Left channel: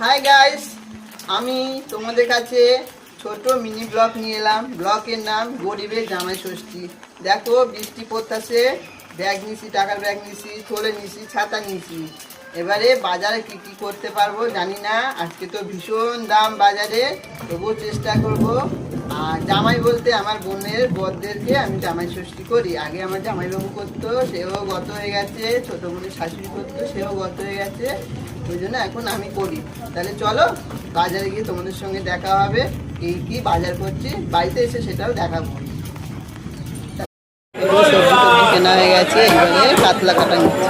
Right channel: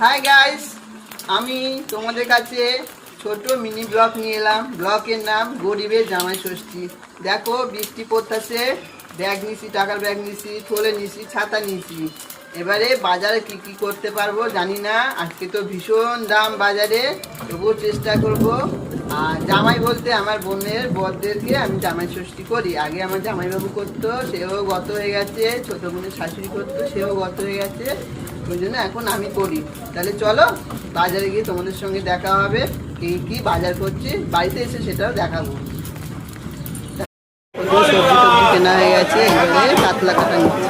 Hi guys, আমি তোমাদের কাছে ছোট মিনি ব্লগ নিয়ে এলাম। ব্লগের নাম গরিবের জামাই ষষ্ঠী। দেখো বৃষ্টি পড়তেছে, ব্যাগ নিছি, টাকার ব্যাগ নিছি, থলে নিছি, ছাতা নিছি। এবারে বাজারে কি কি করতে পারবো জানি না। আজকে তো ভীষণ দাম বাজারে, তবুও চেষ্টা করব। আর জামাই বলতে আমার বোনের বরদেরকে আমি জামাই ষষ্ঠী করি। আগে আমার জামাইবাবু করতো, সেও গত হয়ে গেছে। ছোট বোনের শাশুড়ি করতো, সেও গত হয়ে গেছে। ওই জন্য এখন আমি করি। তাহলে চলো বাজারে গিয়ে তোমাদের সঙ্গে দেখা হবে, কি কি বাজার করছি, বাড়িতে এসে সেটাও দেখাবো। সবজি টবজি কেনা হয়ে গেছে, এবারে কাতলা কাটা নিচ্ছে।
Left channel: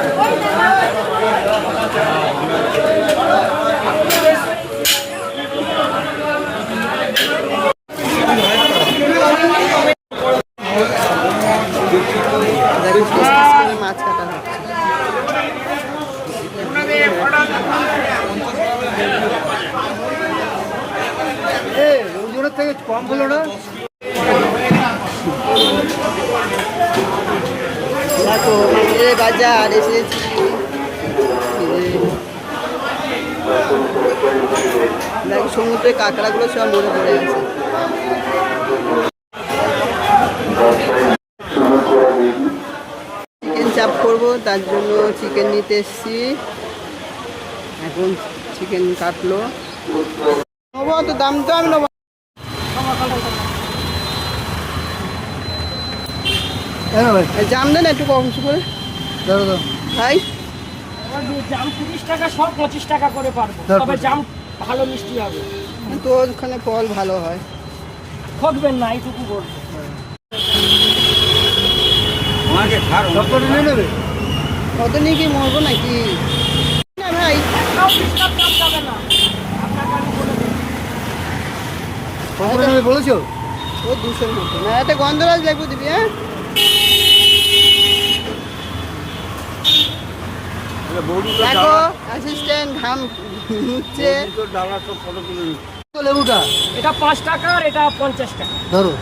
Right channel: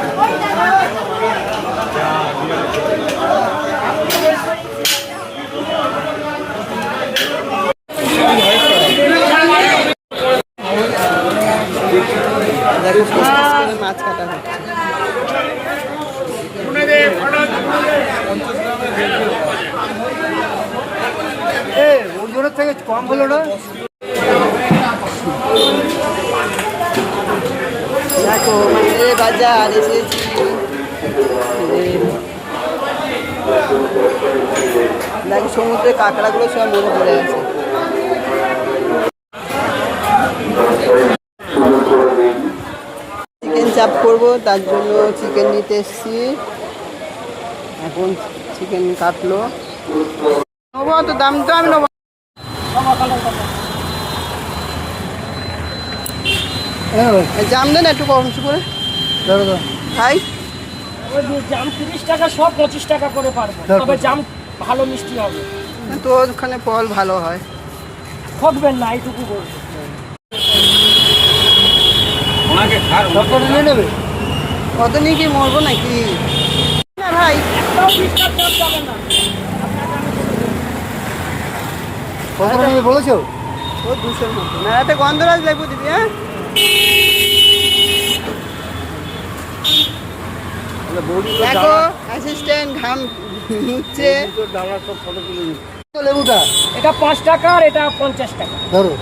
দেখো পিস পিস করে মাছ কাটা হচ্ছে। ওজনের থেকে কম হলো না। দেখো মানে বাজার এসেছি। দেখো সমুদ্রে কাঁকড়াগুলো সব মরে পড়ে আছে। চিকেন চাপ করবো, তার জন্য চিকেন নিতে এসছি। এখন চিকেন কাটলো, নেবো তো, দাম তো আমি নেবো। জাম দেন একটু কম করে খাই। জাম 30 টাকা, সব 25 টাকা করে পারবে, তবে জাম ভালো মিষ্টি হবে। তো ওখানে ফল ভালো হয়, ঠকবেন না, এইটুকু করবে। কত নিয়ে কি মরবো নাকি না ভাই? বলেছো ও 200-র মতো না, একটা গন্ধরাজ লেবু দিবি। হ্যাঁ দেখো অ্যাসিস্ট্যান্ট ঘাম মুছছে। লেবুটা এটা 5 টাকা আর এটা 50 টাকা। ধরো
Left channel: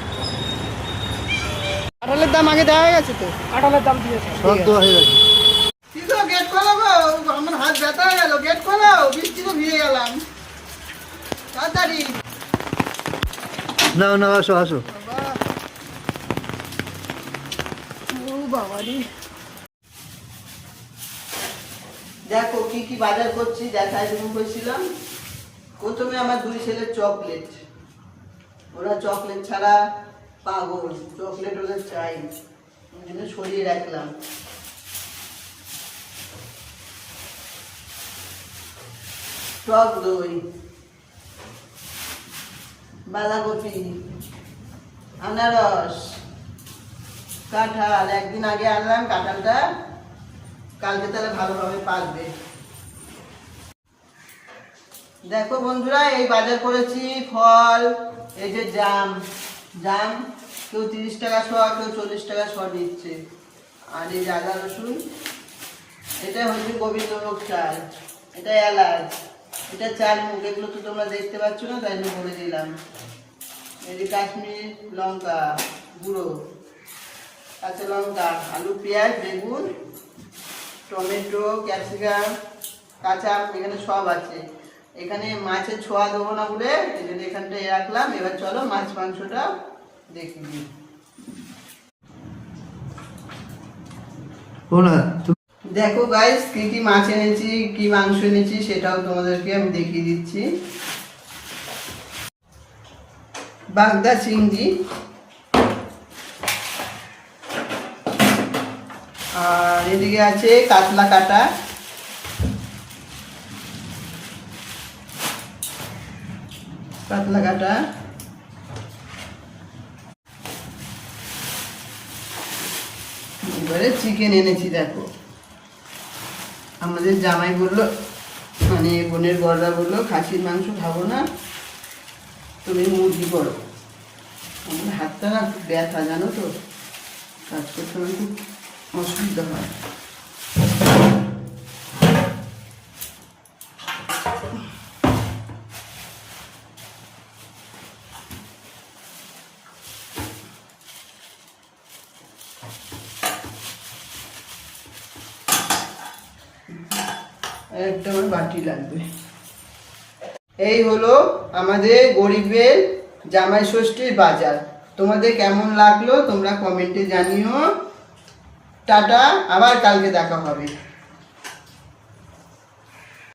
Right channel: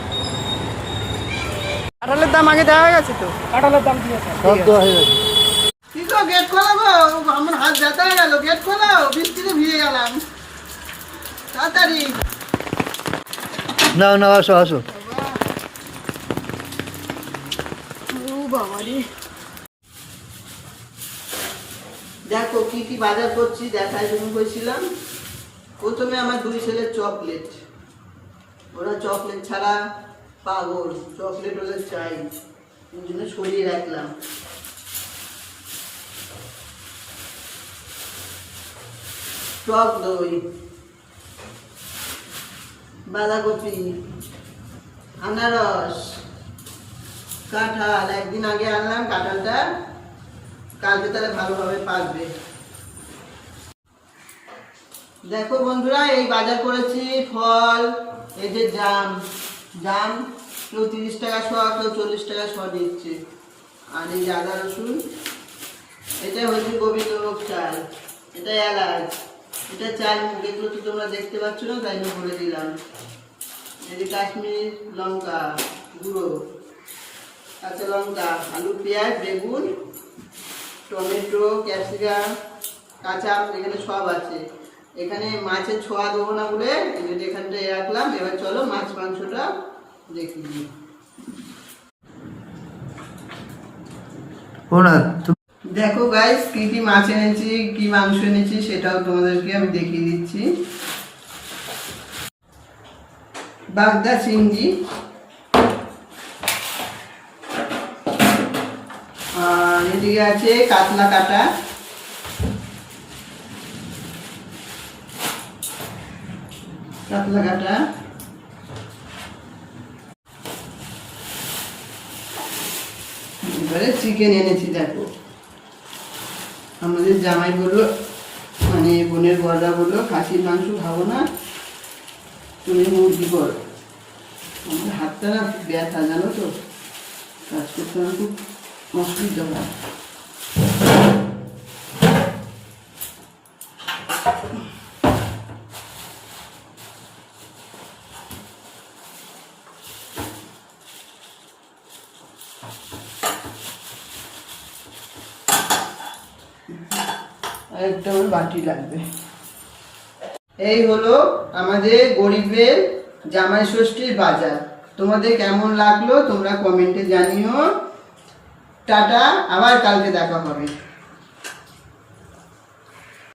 কাঁঠালের দাম আগে দেওয়া হয়ে গেছে তো। কাঁঠালের দাম দিয়েছে, সব দেওয়া হয়ে গেছে। কি তো গেট খোলাবো, আমার হাত ব্যথা হয়ে গেল। গেট খোলাও, বৃষ্টি তো ভিজে গেলাম। তাড়াতাড়ি না না, আসো আসো। দেখো কি কি বাজার করছি, দেখাই শুরু করেছিলাম। প্রথমে আমার 2 ছেলের চকলেট, ওরা চকলেট ছাড়া পাগল, চকলেট ওদের চাই, ওই জন্য সরিয়ে রাখলাম। টক দই, বাঁধাকপি, আনারস, কাঁঠাল। একদিন আগে আনলাম কাঁঠালটা, কালকে তাহলে ভালোভাবে পাকবে। দেখো বন্ধুরা, এই বাজার করেছি ফল। এই যে জাম, জাম কেউ 30 টাকা শ, কেউ 40 টাকা শ দিচ্ছে। আর এই যে আদা রসুন, এটা হচ্ছে গোবিন্দভোগ চাল, এটা এলাচ, এটা চাল মুখ। এগুলো তো তোমরা দেখতে পাচ্ছ না, তাই জন্য বলে দিলাম। এই যে কাশ্মীর লঙ্কা গুঁড়ো, কাঁচা লঙ্কা, আলু, পেঁয়াজ, বেগুন, টমেটো, ক্যাপসিকাম, কাঁচা আম, এখানে সব আছে। এখানে মাছের ছোঁয়া দেবো না বলে এখানটায় রাখলাম। এবার চলো মাছ মাংসটা দেখি দিই। দেখো গাইস, কি কি মাছ এনেছি, কি মাংস এনেছি, সেটাও তোমাদেরকে আমি দেখিয়ে দিচ্ছি। বাগদা চিংড়ি, আর এদিকে আছে কাতলা কাটা, কাতলা কাটা। এবারে চিকেন এনেছি। দেখো আমাদের জামাই বললো, মানে বোনের বড়রা বললো খাসির মাংস খাবো না, তুমি মুরগি করো। আমার হাতটা না খুব ব্যথা, জানো তো, কাজ করতে আমার খুব অসুবিধা হয়। একটা আমার বাটি লাগবে। এই হলো আমাদের গরিবের জামাই ষষ্ঠীর বাজার। তোমাদের কেমন লাগলো তোমরা কমেন্টে জানিও। টাটা, আবার কালকে দেখা হবে।